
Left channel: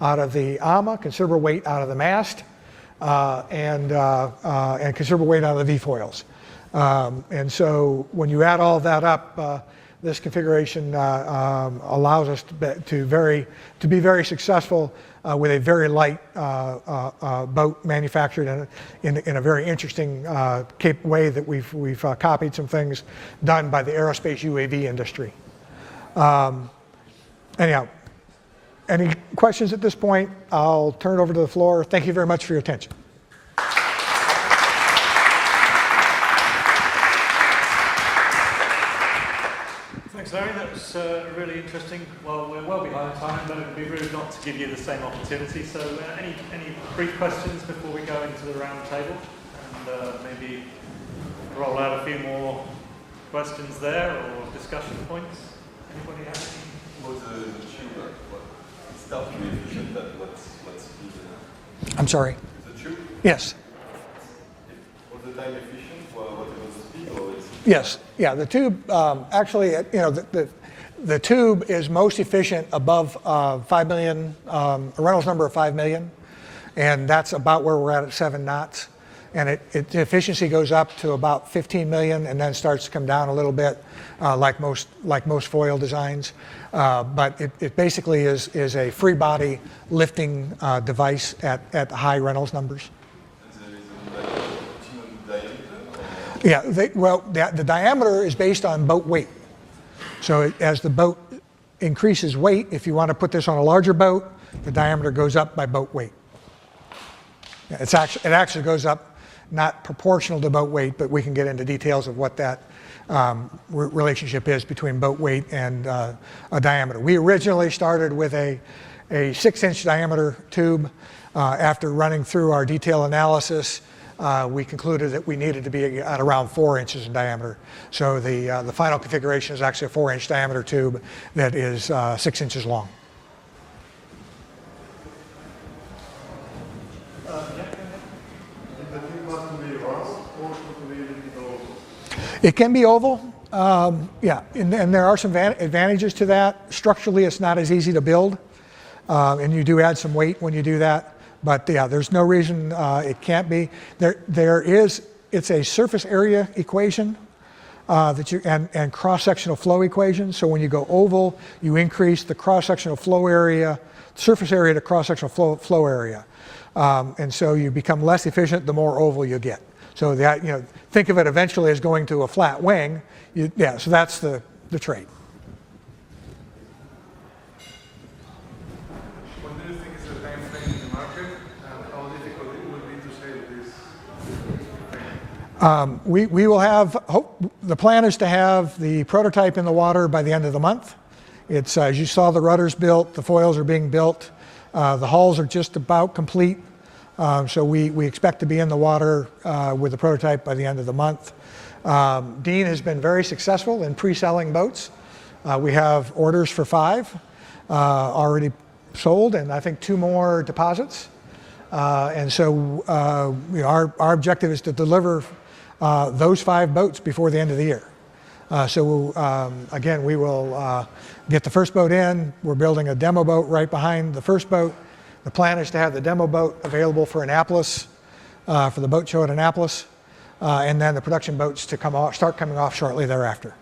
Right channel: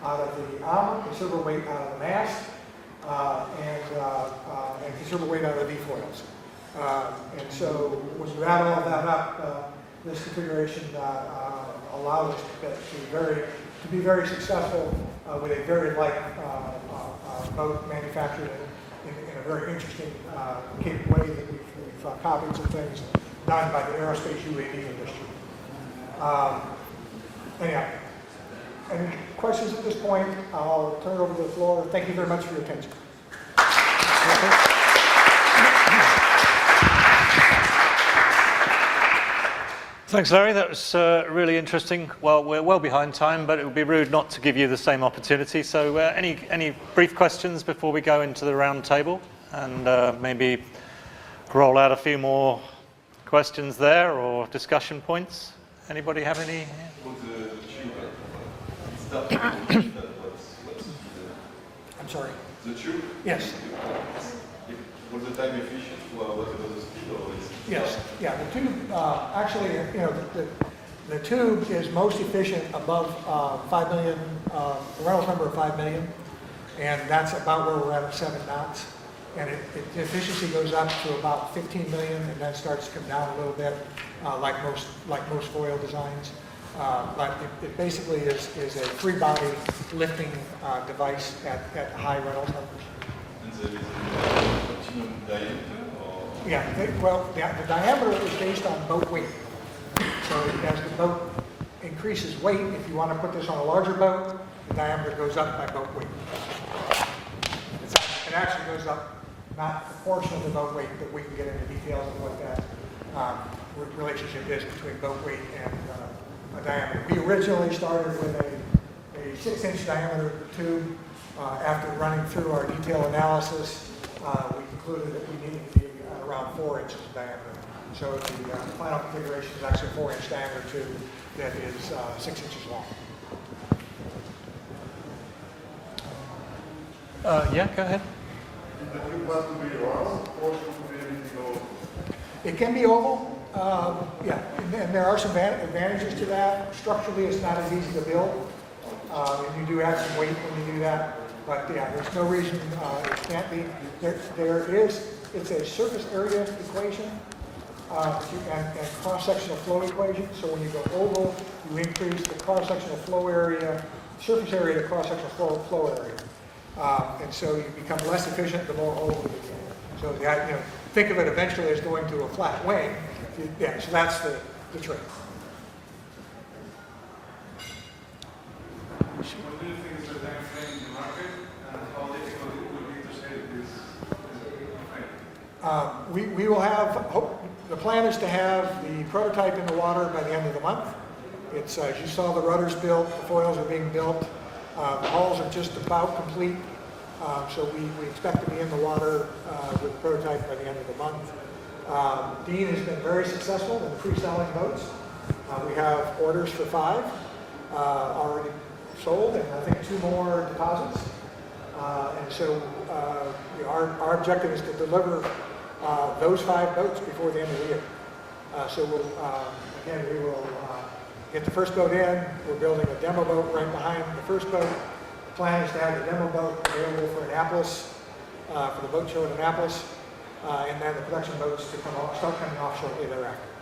out of the AMA, considerable weight out of the mast, and considerable weight out of the V-foils. And so when you add all of that up, this configuration allows us to be very successful with a very light boat manufactured in a very interesting way that we've copied some things done by the aerospace UAV industry. Anyhow, any questions at this point? I'll turn it over to the floor. Thank you very much for your attention. Thanks, Larry. That was really interesting. Well, we're well behind time, but it would be rude not to give you the same opportunity. So any brief questions before we go into the round table? And maybe roll out a few more questions there or discussion points. Anybody have any? I'm sorry? The tube? Yes. Was the time efficient? What was the speed? Or is Yes, yeah, the tube, actually, you know, the tube is most efficient above 5 million, a Reynolds number of 5 million, and that's about where we're at 7 knots. And the efficiency goes up to about 15 million and then starts to come down a little bit, like most foil designs. But it basically is a free body lifting device at high Reynolds numbers. and there is a optimum diameter? Or? Yeah, the diameter is based on boat weight. So as the boat increases weight, if you want to put this on a larger boat, the diameter goes up by boat weight. It actually goes up not proportional to boat weight, but we can get into details of what that relationship is between boat weight and a diameter. We originally started with a 6-inch diameter tube. After running through our detail analysis, we concluded that we needed to be at around 4 inches in diameter. So the final configuration is actually a 4-inch diameter tube that is 6 inches long. Yeah, go ahead. It can be oval, yeah, and there are some advantages to that. Structurally, it's not as easy to build, and you do add some weight when you do that. But yeah, there's no reason it can't be. It's a surface area equation and cross-sectional flow equation. So when you go oval, you increase the cross-sectional flow area, surface area to cross-sectional flow area. And so you become less efficient the more oval you get. So that, you know, think of it eventually as going to a flat wing. Yeah, so that's the trait. When do you think is the time frame to market, and how difficult it would be to say this? We will have, the plan is to have the prototype in the water by the end of the month. It's, as you saw, the rudders built, the foils are being built, the hulls are just about complete. So we expect to be in the water with the prototype by the end of the month. Dean has been very successful in pre-selling boats. We have orders for 5 already sold, and I think 2 more deposits. And so you know, our objective is to deliver those 5 boats before the end of the year. So again, we will get the first boat in. We're building a demo boat right behind the first boat. The plan is to have the demo boat available for Annapolis, for the boat show at Annapolis, and then the production boats to start coming off shortly thereafter.